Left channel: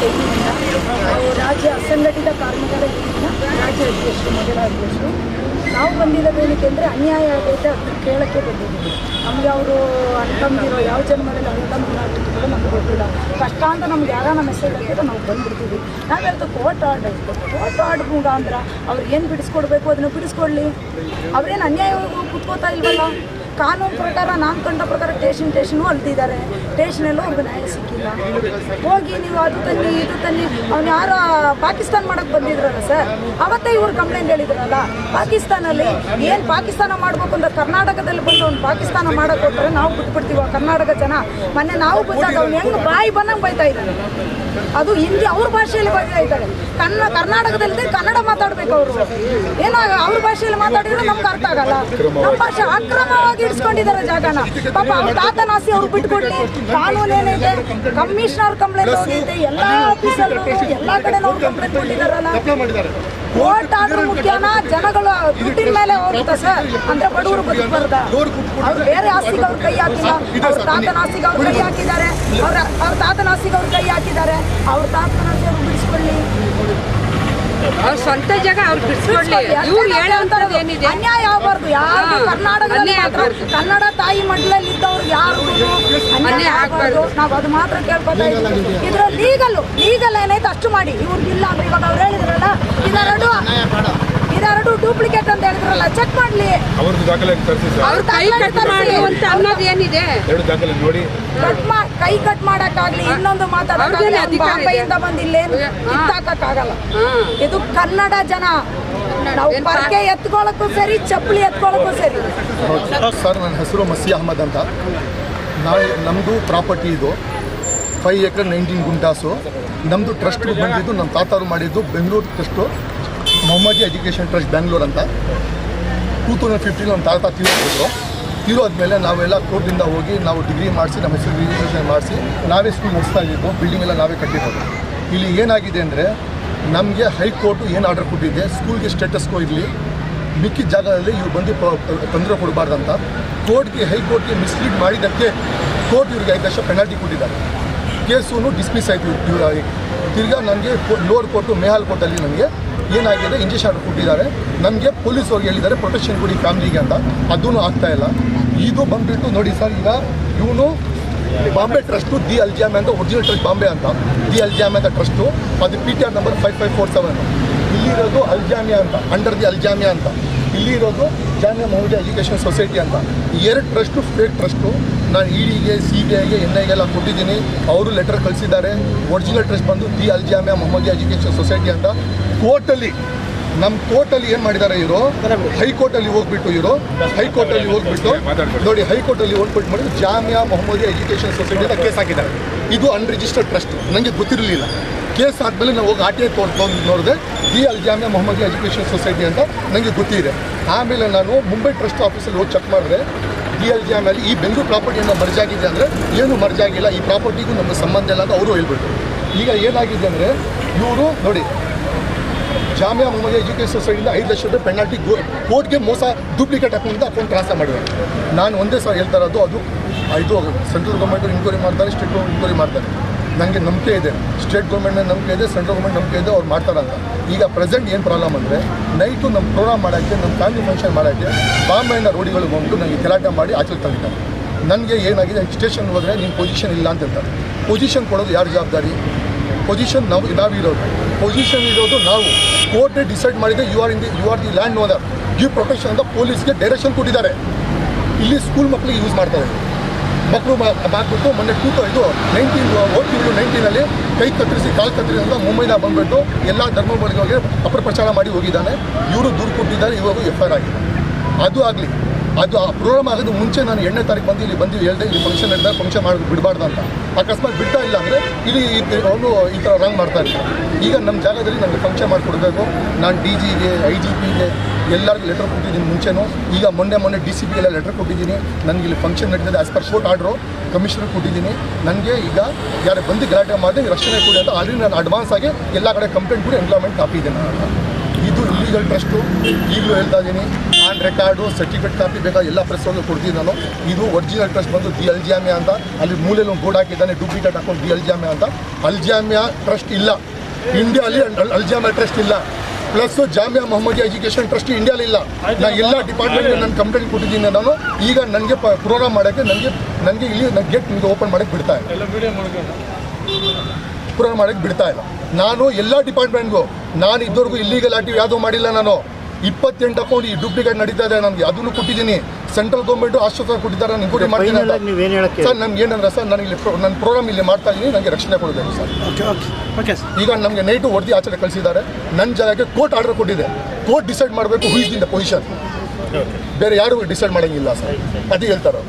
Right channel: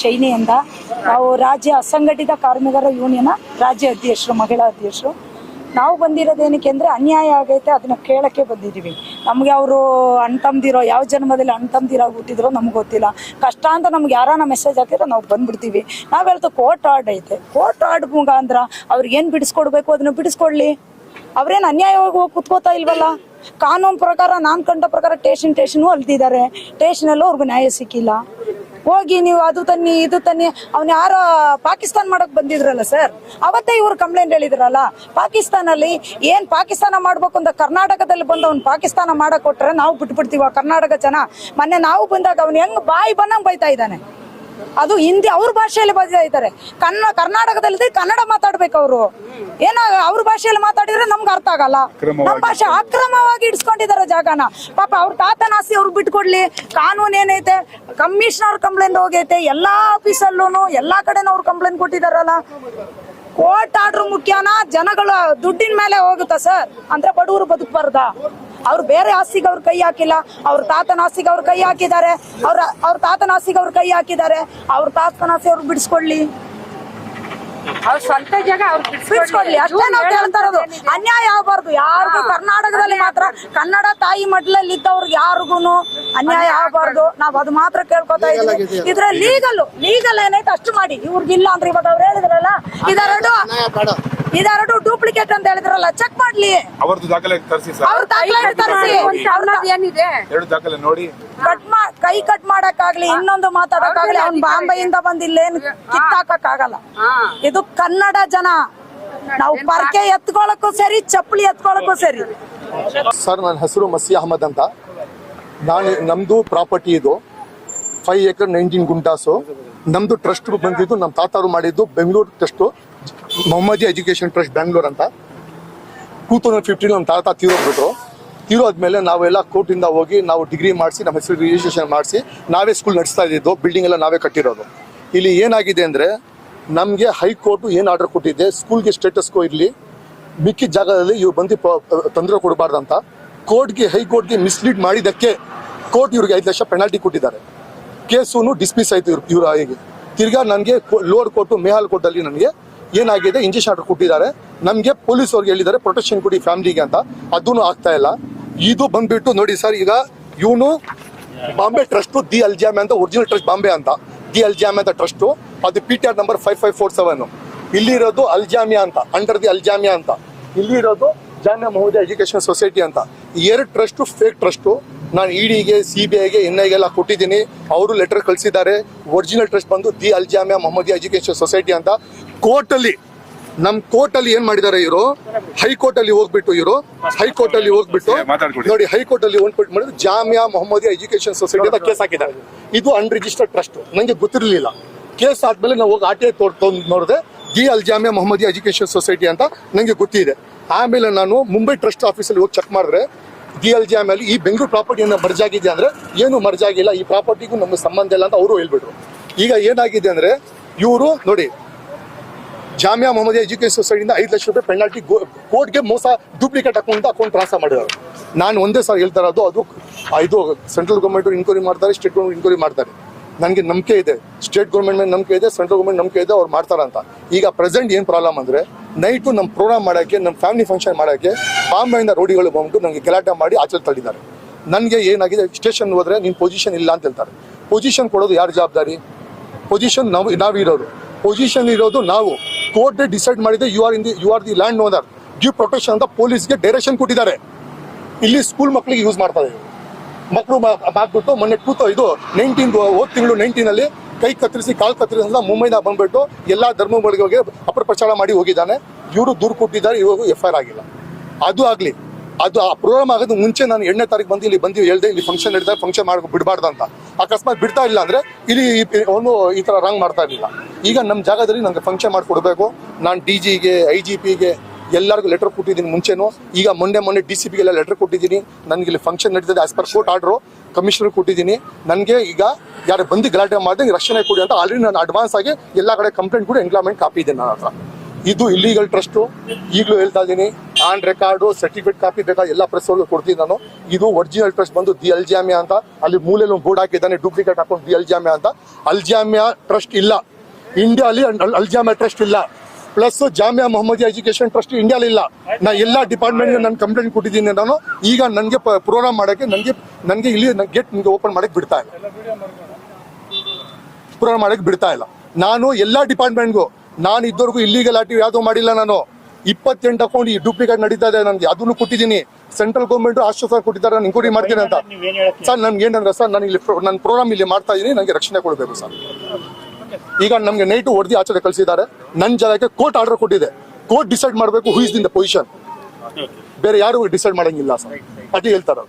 Shiny ಅಂತ ರಾಜ್ಯ ಅಸಂಘಟಿತ ಕಾರ್ಮಿಕರ ಯೂನಿಯನ್ ರಾಜ್ಯ ಅಧ್ಯಕ್ಷರು, ಮಹಿಳಾ ಅಧ್ಯಕ್ಷರು. ನಾವು ಬಂದಿರೋದೇನಕ್ಕೆ ಅಂದರೆ ಅನ್ಯಾಯ ಆಗೈತೆ ಅದನ್ನ ಕೇಳೋಕ್ಕೆ ಬಂದಿದ್ದೀವಿ. ನಮಗೆ ಅವರು ಅಂತಂದಿರೋ ಯಾವ ಜನ್ಮದಲ್ಲಿ ಅನ್ಕೊಂಬಿರೋ ಬಿಟ್ಟಿದ್ರು ನಮ್ಗೆ ಗೊತ್ತಿಲ್ಲ. ಕಷ್ಟ ಅಂತ ನಮ್ಗೆ ಯಾರೋ ಮೆಸೇಜ್ ಹಾಕಿದ್ರೆ ನಾವು ಬಂದಿರ್ತೀವಿ ನಾವೆಲ್ಲದು ಕೋರ್ಟ್ ಆರ್ಡ್ ಐತೆ ಕೋರ್ಟ್ ಆರ್ಡ್ ಮುಖಾಂತರ ಅವ್ರಿಗೆ ಏನು ಬಿಡಿಸ್ಕೊಡ್ಬೇಕು ಅದನ್ನು ಬಿಡಿಸ್ಕೊಳ್ಳಿ ಅವ್ರೇನು ಅನ್ಯಾಯವಾಗಿ ಕುತ್ಕೋತಾ ಇಲ್ವಲ್ಲ? ಕಾನೂನು ಪ್ರಕಾರ ನಾನು ಕಂಡ ಪ್ರಕಾರ ಟೇಷನ್ ಟೇಷನ್ ಅಂತಿದ್ದಾರೆ ಟೇಷನಲ್ಲೂ ಅವ್ರಿಗೆ ನ್ಯಾಯ ಸಿಕ್ಕಿಲ್ಲ. ಹೋಗಿ ನೀವು ಅದು ತನ್ನಿ, ಇದು ತನ್ನಿ ಅವ್ರು ಯಾರೋ ಪಾಕಿಸ್ತಾನ ಮಾಡಕ್ ಬಂದಿದ್ರಲ್ಲ ಸರ್? ಅವತ್ತೇ ಇವ್ರು ಕಂಪ್ಲೇಂಟ್ ಹೇಳಿದ್ರಲ್ಲ. ಪಾಕಿಸ್ತಾನಲ್ಲಿ ಏನ್ ಪಾಕಿಸ್ತಾನ ಮಾಡ್ಬೇಕಂದ್ರೆ ಕರ್ನಾಟಕದಲ್ಲಿ ಬಂದು ಅವ್ನು ಪಾಕಿಸ್ತಾನ ಮಾಡಕ್ ಹೋಗ್ತಾರೆ ನಾವು ಬಿಟ್ಬಿಡ್ತೀವ ಕರ್ನಾಟಕ ಜನ? ಮನೆ ನಾವು ಬಂದಾಗ ಅವ್ನು ಹೆಂಗ್ ಬಾಯಿ ಬಂದಂಗ್ ಬೈತಾ ಇದ್ದಾನೆ. ಅದು ಹಿಂದಿ ಅವ್ರ ಭಾಷೆಯಲ್ಲಿ ಬೈತಾ ಇದ್ದಾರೆ. ಕನ್ನಡ ಕರ್ನಾಟಕದಲ್ಲಿ ಕನ್ನಡ ಮಾತಾಡ್ಬೇಕು ಅವರು. ಏನಾಗ ಅವ್ರ ಭಾಷೆಯಲ್ಲಿ ಮಾತಾಡಿದ್ರೆ ನಮ್ಗೆ ಅರ್ಥ ಆಗಲ್ಲ. ನಮ್ಮ ಭಾಷೆ ಅಕ್ರಮವಾಗಿ ಇಟ್ಕೊಂಡಿದ್ದಾರೆ ಜಾಗನ. ಪಾಪ ಅವ್ರ ತಾತನ ಆಸೆ ಅವ್ರು ಬಿಟ್ಕೊಡ್ಲಿ. ಕಾನೂನು ಏನೈತೆ? ಕಮಿಷನರ್ ಕಂಪ್ಲೇಂಟ್ ಹೋಗೈತೆ. ಎಲ್ಲಾ ಆಫೀಸಲ್ಲೂ ಎಲ್ಲಾ ಕಡೆ ಕಂಪ್ಲೇಂಟ್ ಕೊಟ್ಟಿದಾರಲ್ಲ ಓಟ್ ಆದ್ರೂ ಮುಖ್ಯನ ಜನಗಳ ದುಡ್ಡಿನ ಮೇಲೆ ಹೋಗುತ್ತೆ ಸರ್. ಅಂತ ಬಡವರು ಅವ್ರು ಬೇರೆ ಆಸ್ತಿಗೆ ಅವ್ರು ಕೈ ಹಾಕಿಲ್ಲ. ಅವ್ರ ತಾತನ ಆಸ್ತಿಗೆ ಅವ್ರು ಕೈ ಹಾಕಿದ್ದಾರೆ. ಅವ್ರ ಅವ್ರ ತಾತನ ಆಸ್ತಿಗೆ ಅವ್ರು ಕೈ ಹಾಕಿದ್ದಾರೆ. ಅವ್ರ ತಾತನ ಆಸ್ತಿ ಅವ್ರು ಬಿಡಿಸ್ಕೊಳ್ಳಿ. ಅವ್ರ ಸ್ವಂತ ಜನ ಅವ್ರು ಬಿಟ್ಕೊಳ್ಳಿ. ಇವ್ರು ಅನ್ಯಾಯ ಹೇಳೋಂಥದ್ದು ಏನಿದೆ? ಅನ್ಯಾಯ ಆಗಬಾರ್ದು. ಯಾರು ಕರ್ನಾಟಕ ಕರ್ನಾಟಕದಲ್ಲಿ ಕನ್ನಡ ತಾಯಿ ಮಡ್ಲಲ್ಲಿ ಇದ್ದವ್ರಿಗೆ ಯಾರಿಗೂ ಅನ್ಯಾಯ ಅನ್ಯಾಯ ಆಗಬಾರ್ದು. ನಾವು ಅದು ಮಾತ್ರ ಕೇಳ್ಕೊತಾ ಇದ್ದೀವಿ. ಇದ್ರಲ್ಲಿ ಲೀಗಲ್ ಲೀಗಲ್ ಏನೈತೆ ಅಷ್ಟು ಮಾಡಿ. ಇವ್ರಿಗಿಲ್ಲ ಅಂತ ಇವಾಗ ಅವ್ರು ಹೇಳಿದ್ರಲ್ಲ ಇದೆರಡು ಇದೆರಡು ಡೂಪ್ಲಿಕೇಟ್ ಅಂತ ಹೇಳಿದ್ರಲ್ಲ ಚೆಕ್ ಮಾಡ್ಲಿ. ದಾಖಲೆ ತರಿಸಿ ಸರ್ ಅವ್ರ ಏನಿದೆ? ಎರಡು ದಾಖಲೆ ನೋಡಿ. ಕಟ್ ಮಾ ಕೈ ಕಟ್ ಮಾಡಕ್ಕಾಗ್ಲಿ ಇನ್ನೊಂದು. ಬಾಂಬೆಯಿಂದ ಬಂದಿಲ್ಲ ಕಿತ್ತಾಕಕ್ಕಾಗಲ್ಲ ಇದು ಕನ್ನಡ ಜನ. ನಾವು ಎತ್ಕೊಳ್ಳೋಕ್ಕೂ ಸರಿ ಚಪ್ಪಲಿ ಎತ್ಕೊಳ್ಳೋಕ್ಕೂ ಸರಿ. ಸರ್ ನನ್ನ ಹೆಸರು ಮಸಿ ಅಹಮದ್ ಅಂತ. ನಾಳೆ ನಮ್ಮದು ಪ್ರಾಪರ್ಟಿ ಇದು. ಫೈವ್ ಏಕರ್ ನೈನ್ಟೀನ್ ಗುಂಟಾಸು ನಮ್ಮದು ಟ್ರಸ್ಟ್ ಬಂದಿದ್ದು ನಮ್ಮ ತಾತಾರು ಮಾಡಿದ್ದು Bengaluru trust Mohammadi education trust Bangalore ಅಂತ. ಟೂ ತೌಸಂಡ್ ಫಿಫ್ಟೀನ್ ನಮ್ಮ ತಾತ ತೀರೋಗ್ಬಿಟ್ಟು ತೀರೋದ್ಮೇಲೆ ನಾವೆಲ್ಲ ಕೋರ್ಟಿಂದ ಹೋಗಿ ನಾವು ಡಿಗ್ರಿ ಮಾಡಿಸಿ, ನಮ್ಮ ಹೆಸರು ರಿಜಿಸ್ಟ್ರೇಷನ್ ಮಾಡಿಸಿ, ನಾವೇ ಸ್ಕೂಲ್ ನಡೆಸ್ತಾ ಇದ್ದಿದ್ದು ಬಿಲ್ಡಿಂಗ್ ಎಲ್ಲ ನಾವೇ ಕಟ್ಟಿರೋದು. ಇಲ್ಲಿ ಏನಾಗಿದೆ ಅಂದರೆ, ನಮಗೆ ಹೈಕೋರ್ಟ್ ಏನು ಆರ್ಡರ್ ಕೊಟ್ಟಿದೆ ಸ್ಕೂಲ್ಗೆ ಸ್ಟೇಟಸ್ಗೂ ಇರಲಿ ಮಿಕ್ಕಿ ಜಾಗದಲ್ಲಿ ಇವ್ರು ಬಂದು ತೊಂದರೆ ಕೊಡಬಾರ್ದಂತ, ಕೋರ್ಟ್ಗೆ, ಹೈಕೋರ್ಟ್ಗೆ ಮಿಸ್ಲೀಡ್ ಮಾಡಿದ್ದಕ್ಕೆ ಕೋರ್ಟ್ ಇವ್ರಿಗೆ ಐದು ವರ್ಷ ಪೆನಾಲ್ಟಿ ಕೊಟ್ಟಿದ್ದಾರೆ. ಕೇಸು ಡಿಸ್ಮಿಸ್ ಆಯ್ತು ತಿರ್ಗಾ ನನಗೆ ಲೋವರ್ ಕೋರ್ಟು ಮೇಹಾಲ್ ಕೋರ್ಟಲ್ಲಿ ನನಗೆ ಏನಾಗಿದೆ? ಆರ್ಡರ್ ಕೊಟ್ಟಿದ್ದಾರೆ ನಮಗೆ ಪೊಲೀಸ್ ಅವ್ರಿಗೆ ಹೇಳಿದ್ದಾರೆ ಪ್ರೊಟೆಕ್ಷನ್ ಕೊಡಿ ಫ್ಯಾಮಿಲಿಗೆ ಅಂತ. ಅದೂ ಆಗ್ತಾ ಇಲ್ಲ. ಇದು ಬಂದ್ಬಿಟ್ಟು ನೋಡಿ ಸರ್, ಈಗ ಇವನು ಬಾಂಬೆ ಟ್ರಸ್ಟ್ ದಿ ಅಲ್ಜಾಮ್ ಅಂತ ಒರಿಜಿನಲ್ ಟ್ರಸ್ಟ್ ಬಾಂಬೆ ಅಂತ. ದಿ ಅಲ್ಜಾಮ್ ಅಂತ ಟ್ರಸ್ಟು ಅದು P T R number five five four seven ಇಲ್ಲಿರೋದು ಅಲ್ಜಾಮಿಯಾ ಅಂತ ಅಂಡರ್ ದಿ ಅಲ್ಜಾಮಿಯಾ ಅಂತ. ಇಲ್ಲಿರೋದು ಜಾಮಿಯಾ ಮೌಲ್ಯ ಎಜುಕೇಷನ್ ಸೊಸೈಟಿ ಅಂತ. ಎರಡು ಟ್ರಸ್ಟು ಸ್ಟೇಟ್ ಟ್ರಸ್ಟು ನಾನು ಇಡಿಗೆ ಸಿ ಬಿ ಐಗೆ ಎನ್ ಐಗೆಲ್ಲ ಕೊಟ್ಟಿದ್ದೀನಿ. ಅವರು ಲೆಟರ್ ಕಳಿಸಿದ್ದಾರೆ. ಒರಿಜಿನಲ್ ಟ್ರಸ್ಟ್ ಬಂದು ದಿ ಅಲ್ಜಾಮಿಯಾ ಮೌಲ್ಯ ಎಜುಕೇಷನ್ ಸೊಸೈಟಿ ಅಂತ. ಕೋರ್ಟಲ್ಲಿ ನಮ್ಮ ಕೋರ್ಟಲ್ಲಿ ಏನು ಮಾಡಿದ್ದಾರೆ ಇವರು? ಹೈಕೋರ್ಟಲ್ಲಿ ಹೋಗ್ಬಿಟ್ಟು ಇವರು. ಹೈಕೋರ್ಟಲ್ಲಿ ಹೋಗ್ಬಿಟ್ಟು, ನೋಡಿ, ಹೈಕೋರ್ಟಲ್ಲಿ ಹೋಗ್ಬಿಟ್ಟು ಮಾಡಿ Jamia Mohammadi education society case ಹಾಕಿದ್ದಾರೆ. ಇದು ಅನ್ರಿಜಿಸ್ಟರ್ಡ್ ಟ್ರಸ್ಟ್ ನನಗೆ ಗೊತ್ತಿರಲಿಲ್ಲ. ಕೇಸ್ ಆದ್ಮೇಲೆ ನಾವು ಹೋಗಿ ಆರ್ ಟಿ ಐ ಕೋರ್ಟ್ ನೋಡಿದ್ರೆ, ಈ ಅಲ್ ಜಾಮಿಯಾ ಮೊಹಮ್ಮದಿ ಎಜುಕೇಷನ್ ಸೊಸೈಟಿ ಅಂತ ನನಗೆ ಗೊತ್ತಿದೆ. ಆಮೇಲೆ ನಾನು ಮುಂಬೈ ಟ್ರಸ್ಟ್ ಆಫೀಸಲ್ಲಿ ಹೋಗಿ ಚೆಕ್ ಮಾಡಿದ್ರೆ, ಈ ಅಲ್ ಜಾಮಿಯಲ್ಲಿ ಈ ಬೆಂಗಳೂರು ಪ್ರಾಪರ್ಟಿ ಏನೋ ಮರ್ಜ್ ಆಗಿದೆ ಅಂದರೆ ಏನು ಮರ್ಜ್ ಆಗಿಲ್ಲ. ಈ ಪ್ರಾಪರ್ಟಿಗೂ ನನಗೆ ಸಂಬಂಧ ಇಲ್ಲ ಅಂತ ಅವರು ಹೇಳ್ಬಿಟ್ಟು ಈಗ ಏನಾಗಿದೆ ಅಂದರೆ, ಇವರು ನೋಡಿ ಜಾಮಿಯಾ ಮೊಹಮ್ಮದ್ ಎಜುಕೇಶನ್ ಸೊಸೈಟಿಯಿಂದ ಐದು ಲಕ್ಷ ರೂಪಾಯಿ ಪೆನಾಲ್ಟಿ ಕೋರ್ಟ್ಗೆ ಮೋಸ ಡೂಪ್ಲಿಕೇಟ್ ಅಕೌಂಟ್ ಅಕೌಂಟ್ ಟ್ರಾನ್ಸ್ಫರ್ ಮಾಡಿದ್ದಾರೆ. ನಾನು ಒಂದೇ ಸಲ ಹೇಳ್ತಾ ಇರೋದು, ಅದು ಇದು ಸೆಂಟ್ರಲ್ ಗೌರ್ಮೆಂಟ್ ಇನ್ಕ್ವೈರಿ ಮಾಡ್ತಾರೆ ಸ್ಟೇಟ್ ಗೌರ್ಮೆಂಟ್ ಇನ್ಕ್ವೈರಿ ಮಾಡ್ತಾರೆ. ನನಗೆ ನಂಬಿಕೆ ಇದೆ. ಸ್ಟೇಟ್ ಗೌರ್ಮೆಂಟ್ ನಂಬಿಕೆ ಇದೆ ಸೆಂಟ್ರಲ್ ಗೌರ್ಮೆಂಟ್ ನಂಬಿಕೆ ಇದೆ, ಅವ್ರು ಮಾಡ್ತಾರೆ ಅಂತ. ಈಗ ಪ್ರೆಸೆಂಟ್ ಏನು ಪ್ರಾಬ್ಲಮ್ ಅಂದರೆ ನೈಟು ನಮ್ಮ ಪ್ರೋಗ್ರಾಮ್ ಮಾಡೋಕ್ಕೆ ನಮ್ಮ ಫ್ಯಾಮಿಲಿ ಫಂಕ್ಷನ್ ಮಾಡೋಕ್ಕೆ ಬಾಂಬೆಯಿಂದ ರೋಡಿಗಳು ಬಂದು ನನಗೆ ಗಲಾಟೆ ಮಾಡಿ ಆಚೆ ತಗಿದ್ದಾರೆ ನನಗೆ ಏನಾಗಿದೆ ಸ್ಟೇಷನ್ ಹೋದರೆ ನಿಮ್ಮ ಪೊಸಿಷನ್ ಇಲ್ಲ ಅಂತ ಹೇಳ್ತಾರೆ. ಪೊಸಿಷನ್ ಕೊಡೋದು ಯಾರು ಜವಾಬ್ದಾರಿ? ಪೊಸಿಷನ್ ನಾವು ಇರೋದು ಪೊಸಿಷನ್ ಇರೋದು ನಾವು. ಕೋರ್ಟ್ ಡಿಸೈಡ್ ಮಾಡಿದ್ರೆ you are in you are the land whether give protection ಅಂತ ಪೊಲೀಸ್ಗೆ ಡೈರೆಕ್ಷನ್ ಕೊಟ್ಟಿದ್ದಾರೆ. ಇಲ್ಲಿ ಸ್ಕೂಲ್ ಮಕ್ಕಳಿಗೆ ಯೂಸ್ ಮಾಡ್ತಾರೆ. ಮಕ್ಕಳು ಹಾಕ್ಬಿಟ್ಟು ಮೊನ್ನೆ ಕೂತು ಇದು ನೈನ್ಟೀನ್ ಓಟ್ ತಿಂಗಳು ನೈನ್ಟೀನಲ್ಲಿ ಕೈ ಕತ್ತರಿಸಿ, ಕಾಲು ಕತ್ತರಿಸಿ ಅಂತ ಮುಂಬೈನ ಬಂದ್ಬಿಟ್ಟು ಎಲ್ಲ ಧರ್ಮಗಳಿಗೆ ಅಪಪ್ರಚಾರ ಮಾಡಿ ಹೋಗಿದ್ದಾರೆ. ಇವರು ದೂರು ಕೊಟ್ಟಿದ್ದಾರೆ, ಇವಾಗ ಎಫ್ ಆಗಿದೆ. ಅದು ಆಗಲಿ. ಅದು ಆ ಪ್ರೋಗ್ರಾಮ್ ಆಗೋದು ಮುಂಚೆ ನಾನು ಎರಡನೇ ತಾರೀಕು ಬಂದು ಇಲ್ಲಿ ಬಂದು ಹೇಳಿದೆ, ಇಲ್ಲಿ ಫಂಕ್ಷನ್ ಇದ್ದರೆ ಫಂಕ್ಷನ್ ಮಾಡಿ ಬಿಡಬಾರ್ದು ಅಂತ. ಅಕಸ್ಮಾತ್ ಬಿಡ್ತಾ ಇಲ್ಲ ಅಂದರೆ ಇಲ್ಲಿ ಅವನು ಈ ಥರ ರಾಂಗ್ ಮಾಡ್ತಾ ಇರ್ತಾರೆ ಈಗ ನಮ್ಮ ಜಾಗದಲ್ಲಿ ನನಗೆ ಫಂಕ್ಷನ್ ಮಾಡಿಕೊಡ್ಬೇಕು ನಾನು ಡಿ ಜಿಗೆ ಐ ಜಿ ಪಿಗೆ ಎಲ್ಲರಿಗೂ ಲೆಟರ್ ಕೊಟ್ಟಿದ್ದೀನಿ ಮುಂಚೆನು. ಈಗ ಮೊನ್ನೆ ಮೊನ್ನೆ ಡಿ ಸಿ ಪಿ ಎಲ್ಲ ಲೆಟರ್ ಕೊಟ್ಟಿದ್ದೀನಿ. ನನಗೆ ಇಲ್ಲಿ ಫಂಕ್ಷನ್ ನಡೆದಿದೆ as per court order commissioner ಕೊಟ್ಟಿದ್ದೀನಿ. ನನಗೆ ಈಗ ಯಾರು ಬಂದು ಗಲಾಟೆ ಮಾಡಿ ರಕ್ಷಣೆ ಕೊಡಿ ಅಂತ. ಆಲ್ರೆಡಿ ನಾನು ಅಡ್ವಾನ್ಸ್ ಆಗಿ ಎಲ್ಲ ಕಡೆ ಕಂಪ್ಲೇಂಟ್ ಕೂಡ ಎಂಪ್ಲಾಯ್ಮೆಂಟ್ ಇದೆ ನಾನು ಇದು ಇಲ್ಲಿಗಲ್ ಟ್ರಸ್ಟು ಈಗಲೂ ಹೇಳ್ತಾ ಇದ್ದೀನಿ. ಆನ್ ರೆಕಾರ್ಡು ಸರ್ಟಿಫಿಕೇಟ್ ಕಾಪಿ ಬೇಕಾ ಎಲ್ಲ ಪ್ರೆಸ್ ಅಲ್ಲಿ ಕೊಡ್ತೀನಿ ನಾನು. ಇದು ಒರಿಜಿನಲ್ ಟ್ರಸ್ಟ್ ಬಂದು ಡಿ ಅಲ್ಜಾಮಿಯಾ ಅಂತ ಅಲ್ಲಿ ಮೂಲೆಯಲ್ಲಿ ಬೋರ್ಡ್ ಹಾಕಿದ್ದಾನೆ ಡೂಪ್ಲಿಕೇಟ್ ಹಾಕೊಂಡು ಡಿ ಅಲ್ಜಾಮಿಯಾ ಅಂತ. ಅಲ್ಜಾಮಿಯಾ ಟ್ರಸ್ಟ್ ಇಲ್ಲ. ಇಂಡಿಯಾಲಿ ಅಲ್ಜಾಮಿಯಾ ಟ್ರಸ್ಟ್ ಇಲ್ಲ. Plus Jamia Mohammadi education trust India ಇಲ್ಲ. ನಾ ಎಲ್ಲ ಡಿಪಾರ್ಟ್ಮೆಂಟ್ ನಾನು ಕಂಪ್ಲೇಂಟ್ ಕೊಟ್ಟಿದ್ದೀನಿ ನಾನು. ಈಗ ನನಗೆ ಪ್ರೋಗ್ರಾಮ್ ಮಾಡೋಕ್ಕೆ ನನಗೆ ನನಗೆ ಇಲ್ಲಿ ನನ್ನ ಗೇಟ್ ನಿಮಗೆ ಓಪನ್ ಮಾಡಕ್ಕೆ ಬಿಡ್ತಾ ಇಲ್ಲ. ಪ್ರೋಗ್ರಾಮ್ ಮಾಡಕ್ಕೆ ಬಿಡ್ತಾ ಇಲ್ಲ. ನಾನು ಎಲ್ಲ ಡಿಪಾರ್ಟ್ಮೆಂಟ್ಗೂ ನಾನು ಇದುವರೆಗೂ ಇಲ್ಲಿಗಲ್ ಆಕ್ಟಿವ್ ಯಾವುದೂ ಮಾಡಿಲ್ಲ ನಾನು. ಇಪ್ಪತ್ತೆಂಟು ಅಕೌಂಟ್ ಈ ಡೂಪ್ಲಿಕೇಟ್ ನಡೀತಾ ಇದೆ. ನನಗೆ ಅದನ್ನು ಕೊಟ್ಟಿದ್ದೀನಿ? ಸೆಂಟ್ರಲ್ ಗೌರ್ಮೆಂಟ್ ಆಶ್ವಾಸ ಕೊಟ್ಟಿದ್ದಾರೆ. ನಾನು ಇನ್ಕ್ವೈರಿ ಮಾಡ್ತೀನಿ ಅಂತ. ಸರ್ ನನ್ಗೆ ಏನಂದ್ರೆ ಸರ್ ನಾನು ಇಲ್ಲಿ ನನ್ನ ಪ್ರೋಗ್ರಾಮ್ ಇಲ್ಲಿ ಮಾಡ್ತಾ ಇದ್ದೀನಿ ನನಗೆ ರಕ್ಷಣೆ ಕೊಡಬೇಕು ಸರ್. ಈಗ ನಮಗೆ ನೈಟು ಹೊಡೆದು ಆಚರಣೆ ಕಳಿಸಿದ್ದಾರೆ. ನನ್ನ ಜಾಗಕ್ಕೆ ಕೋರ್ಟ್ ಆರ್ಡರ್ ಕೊಟ್ಟಿದೆ. ಕೋರ್ಟ್ ಡಿಸೈಡ್ ಮಾಡಬೇಕು who is in the position ಬೇರೆ ಯಾರು ಡಿಸೈಡ್ ಮಾಡಂಗಿಲ್ಲ ಸರ್. ಅದೇ ಹೇಳ್ತಾರೆ.